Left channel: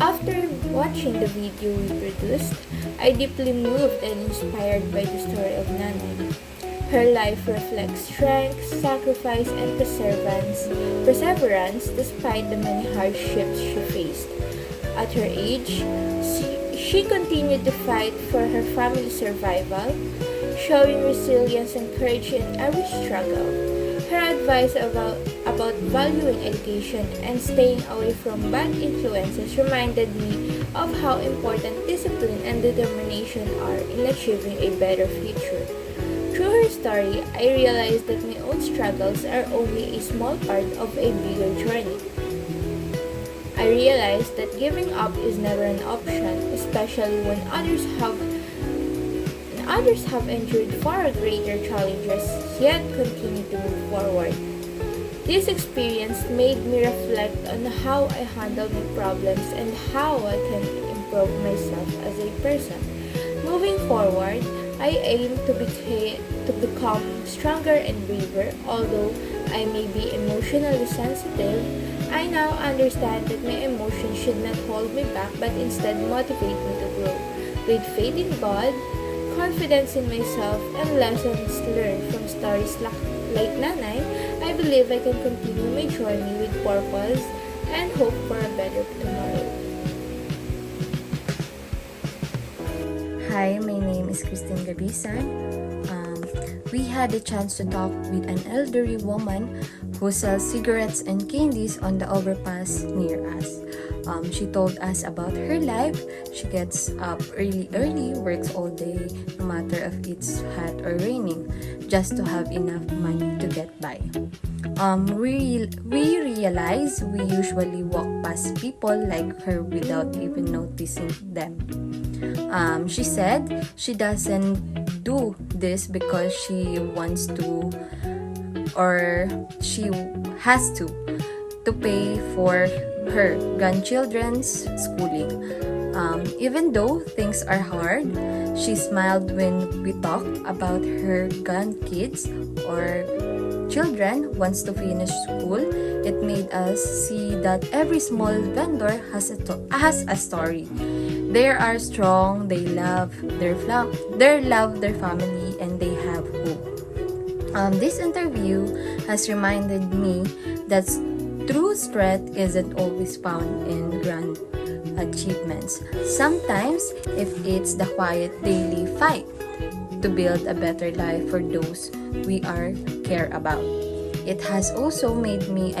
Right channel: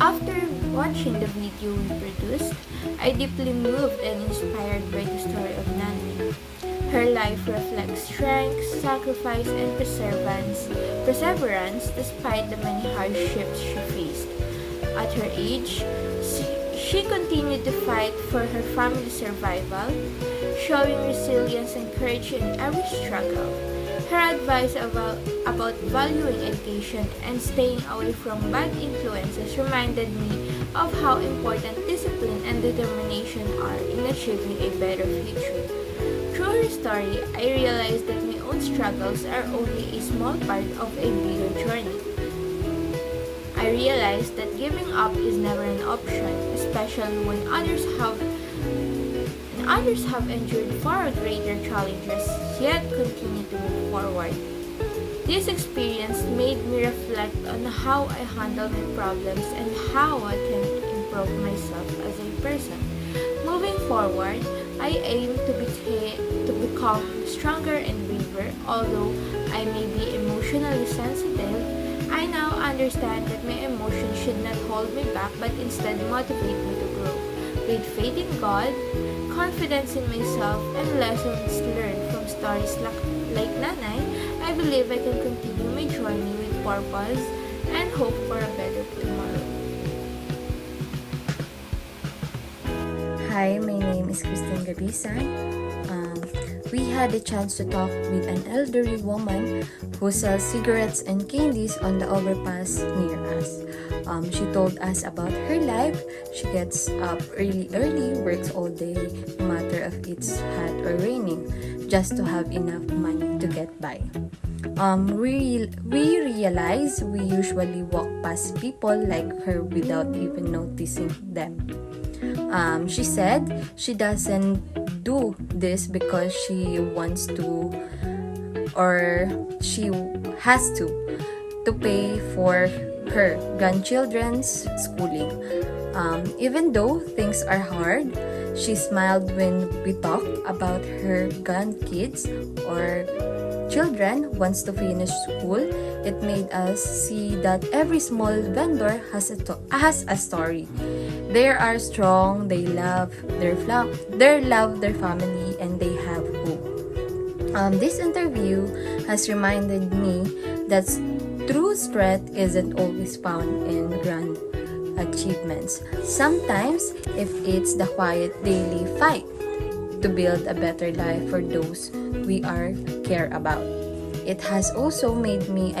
After watching the video we produced, I deeply moved and inspired by the story of Nanay. Her life reflects strength, sacrifice, and perseverance despite the many hardships she faced. At her age, she continued to fight for her family's survival, showing resilience and courage in every struggle. Her advice about valuing education and staying away from bad influences reminded me of how important discipline and determination are in achieving a better future. Through her story, I realized that my own struggles are only a small part of a bigger journey. I realized that giving up is never an option, especially when others have endured far greater challenges yet continue to move forward. This experience made me reflect on how I handle my problems and how I can improve myself as a person. Moving forward, I aim to become stronger and braver. Although I may be emotionally sensitive, I now understand that my emotions should not hold me back but instead motivate me to grow. With faith in God, confidence in myself, and lessons learned from stories like Nanay, I believe I can continue my journey with purpose and hope for a better tomorrow. Hi, my name is Christine Gabisan. We had a chance to talk with an elderly woman who sells cigarettes and candies on the overpass near us. She told us about her life. She gets up early, works all day, no matter if it's hot or raining, just to have enough money to get by. We realize we usually walk past people like her without even noticing them. She said she doesn't do this because she wants to or she has to pay for her grandchildren's schooling. Even though things are hard, she smiled when we talked about her grandkids or children wants to finish school. It made us see that every small vendor has a story. They are strong, they love their family, and they have hope. This interview has reminded me that true strength isn't always found in grand achievements. Sometimes, if it's the quiet daily fight to build a better life for those we are care about. It has also made me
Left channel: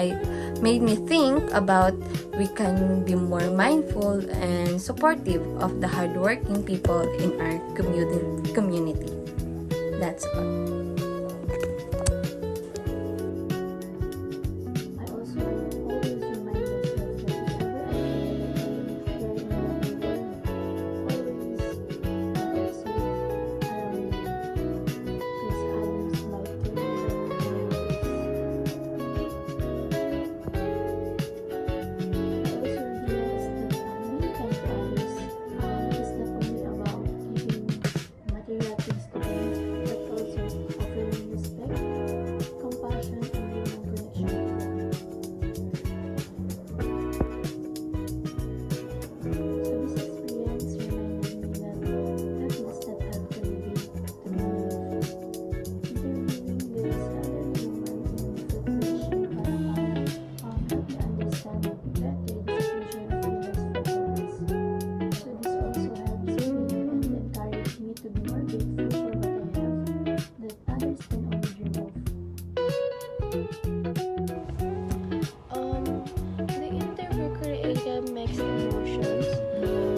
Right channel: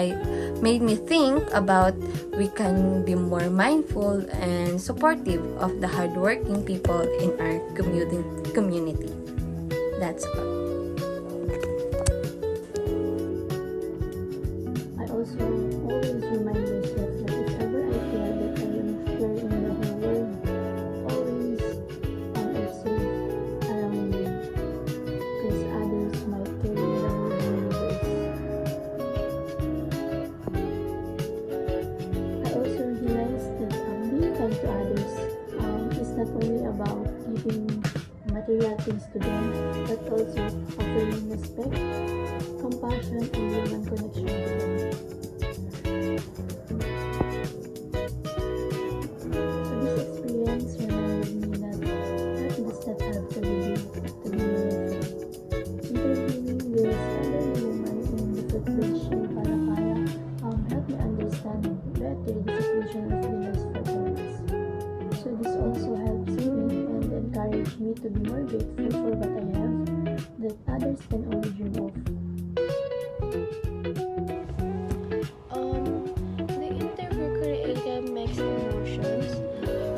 think about we can be more mindful and supportive of the hardworking people in our community. That's all. I also always remind myself that if ever I feel that I am carrying the world, always safe around me, because others might carry the universe. I also realized that being kind to others is not only about giving material things to them, but also offering respect, compassion, and human connection to them. So this experience reminded me that life does not have to be big to be meaningful. Interviewing this elderly woman in the footbridge in Parapara helped me understand better the situation of illness for parents. So this also helps me and encouraged me to be more grateful for what I have that others can only dream of. The interview created mixed emotions,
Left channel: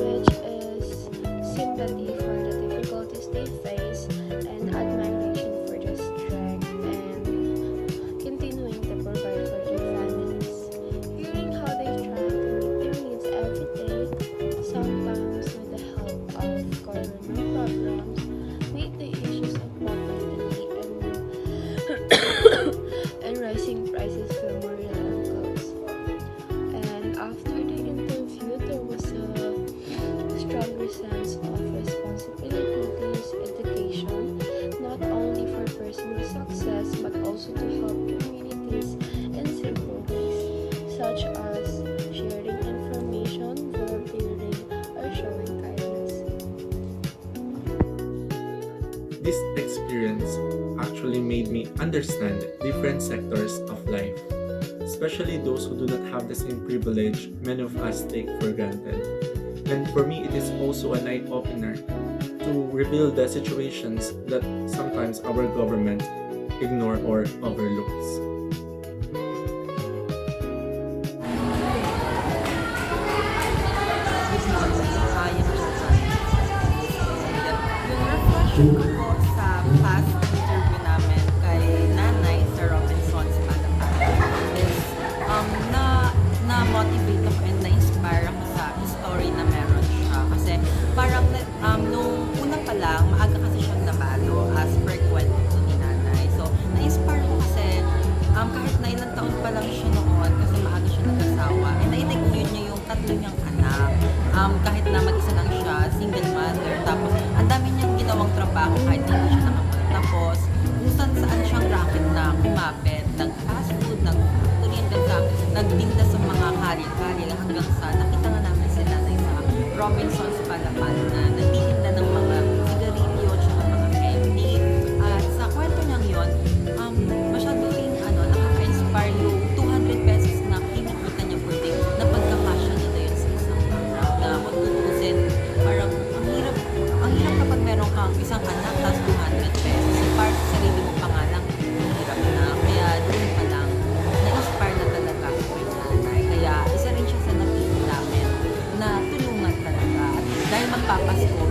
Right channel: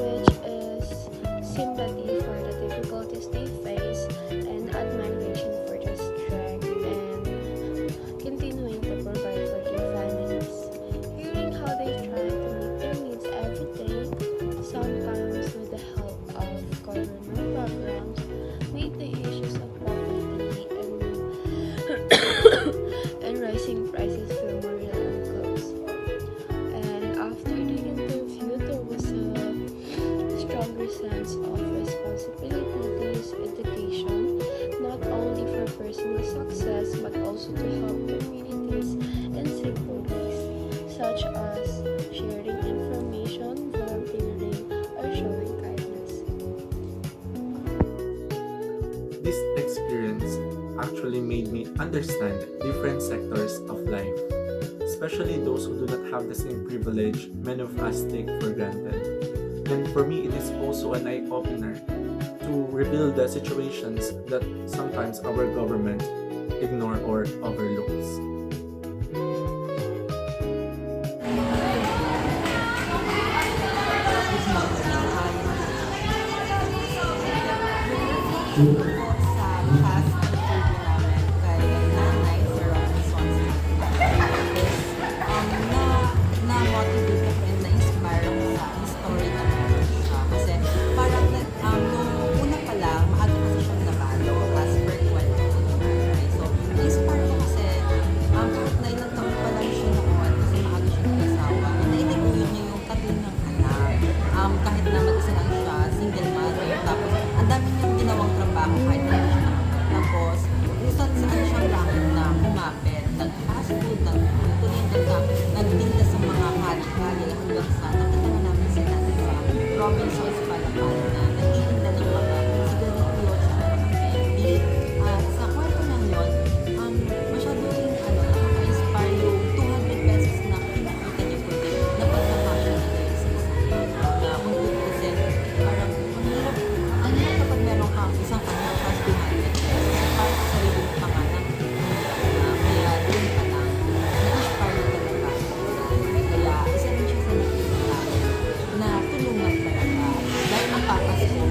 which is sympathy for the difficulties they face and admiration for their strength and continuing to provide for their families. Hearing how they try to meet their needs every day, sometimes with the help of government programs, meet the issues of poverty and rising prices feel more real and close. And after the interview, there was a stronger sense of responsibilities, education, not only for personal success but also to help communities in simple ways. such as sharing information, volunteering, or showing kindness. This experience actually made me understand different sectors of life, especially those who do not have the same privilege many of us take for granted. And for me, it is also an eye-opener to reveal the situations that sometimes our government ignore or overlooks. Good morning, I am Jojan. And yung reflection ko po sa past interview namin kay Nanay sa Robinson's Palapalan is na-motivate ako and na-inspire ako sa story na meron siya. Kasi parang nung una pa lang, maaga kasi siyang nabalo as per kwento ko ni Nanay. So, na-inspire ko kasi kahit na ilang taon pa lang siya noon kasi maaga siya nag-asawa, and naitaguyod niya yung tatlo niyang anak. Kahit na mag-isa lang siya, single mother, tapos ang dami niyang ginawang trabaho kahit na hindi siya nakapagtapos, kung saan siyang racket na kumapit, nag-fast food, nag-factory, nagtinda sa mga kari-kari hanggang sa nakita nga namin si Nanay sa Robinson's Palapalan na nagtitinda ng mga sigarilyo at mga candy. At sa kwento niyang yun, masyado rin nakaka-inspire yung 200 pesos na kinikita niya per day na pagkakasya nila yun sa isang araw. Na kung tutuusin, parang ang hirap kapag meron kang isang anak tapos 200 pesos. So, para sa sarili mo pa nga lang, ang hirap na. Kaya doon pa lang, na-inspire na talaga ako sa Nanay. Kaya isa rin siya sa napili namin na tulungan talaga. At dahil magpapasko,